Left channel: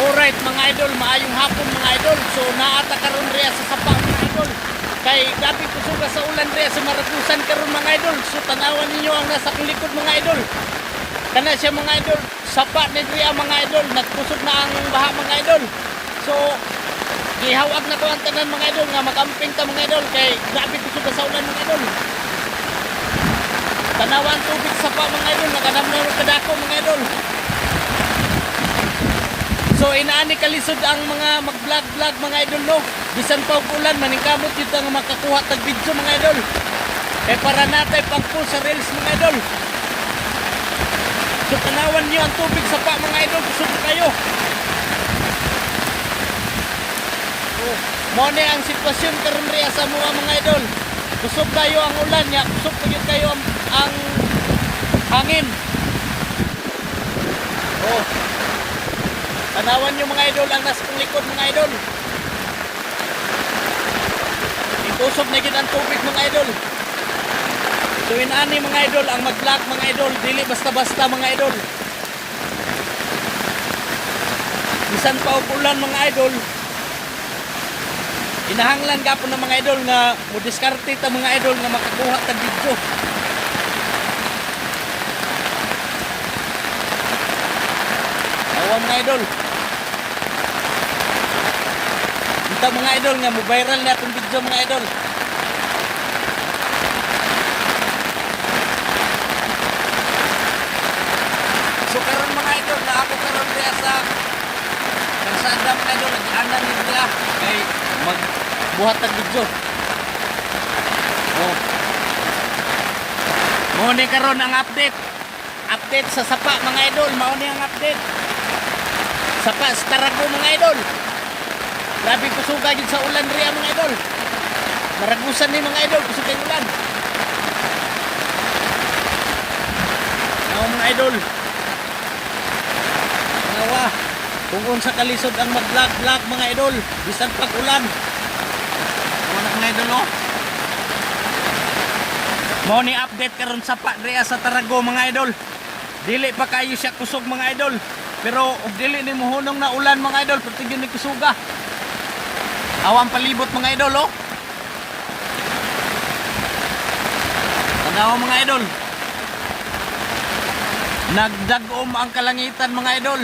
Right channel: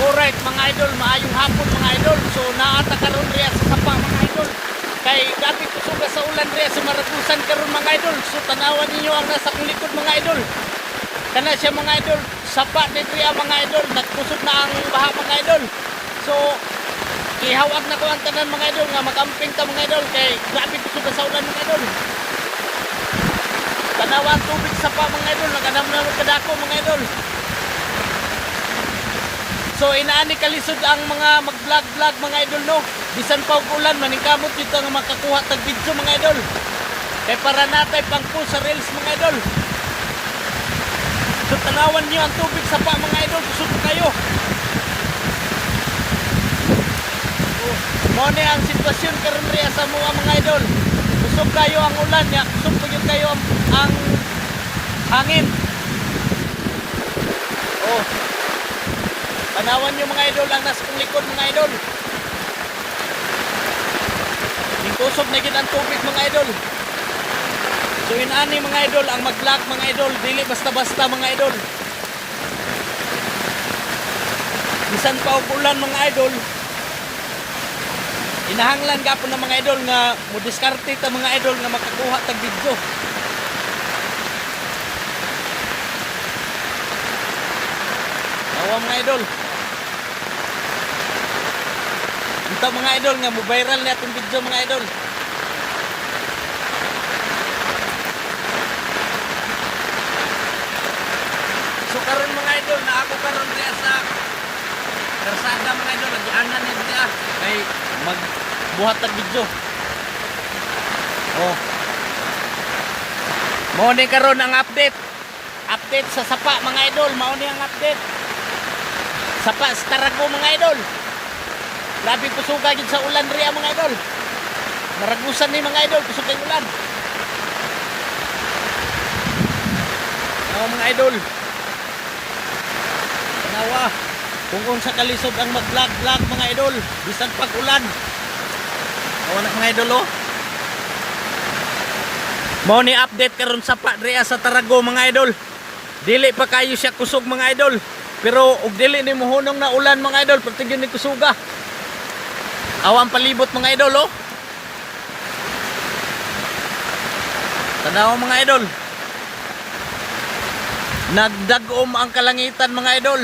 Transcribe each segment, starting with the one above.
Alright mga idol, maayong hapon mga idol. So naata karon riya sa sapa mga idol. Kay grabe kusuga sa ulan riya sa Maragusan karon mga idol. So tanawan ninyo ang nasa kong likod mga idol. Kana siya mga idol, sapa ni riya mga idol. Nagkusog na ang baha mga idol. So ihawag na ko ang tanan mga idol nga magamping ta mga idol kay grabe kusuga sa ulan mga idol. Tanawan tubig sapa mga idol, naganam na kadako mga idol. So inaani kalisod ang mga mag-vlog mga idol no. Bisan pa og ulan maningkamot jud nga makakuha tag video mga idol. Kay para natay pang pool sa reels mga idol. So tanawan niyo ang tubig sa pa mga idol, kusog kayo. Oh, mo ni ang sitwasyon karon riya sa mga idol. Kusog kayo ang ulan nya, kusog gyud kayo ang hangin. Oh. Tanawan nyo mga idol ang nasa kong likod mga idol. Ikusog na gid ang tubig mga idol. So inaani mga idol ang mag-vlog mga idol, dili basta-basta mga idol. Bisan pa og ulan mga idol. Inahanglan gapon ng mga idol nga mo diskarte ta mga idol nga makakuha tag video. Awa mga idol. Ito mga idol nga mo viral na itong video mga idol. So karon mga idol na ako karon diya sa karsada mga idol, nagianan ni diya kay magbuhat ng video. Oh. Mao ni karon ang update. Update sa sapa mga idol, mao ni ang update. Sapa sa Tarago mga idol. Grabe kusuga yun sa ulan riya mga idol. Maragusan ni mga idol, kusuga yung ulan. Now mga idol, tanawa kung unsa kalisod ang mag-vlog mga idol, bisan pag ulan. Awa na mga idol oh. Mao ni update karon sapa riya sa Tarago mga idol. Dili pa kayo siya kusog mga idol. Pero og dili ni mohunong na ulan mga idol, pati gyud ni kusuga. Awang palibot mga idol oh. Tanaw mga idol. Nagdagom ang kalangitan mga idol.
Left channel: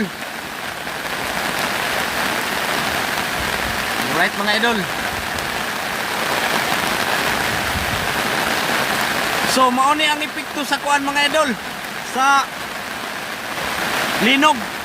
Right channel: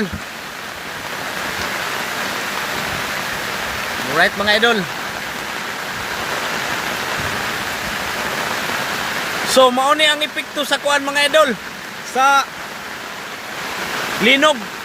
Alright mga idol. So mao ni ang epekto sa kuan mga idol. Sa linog.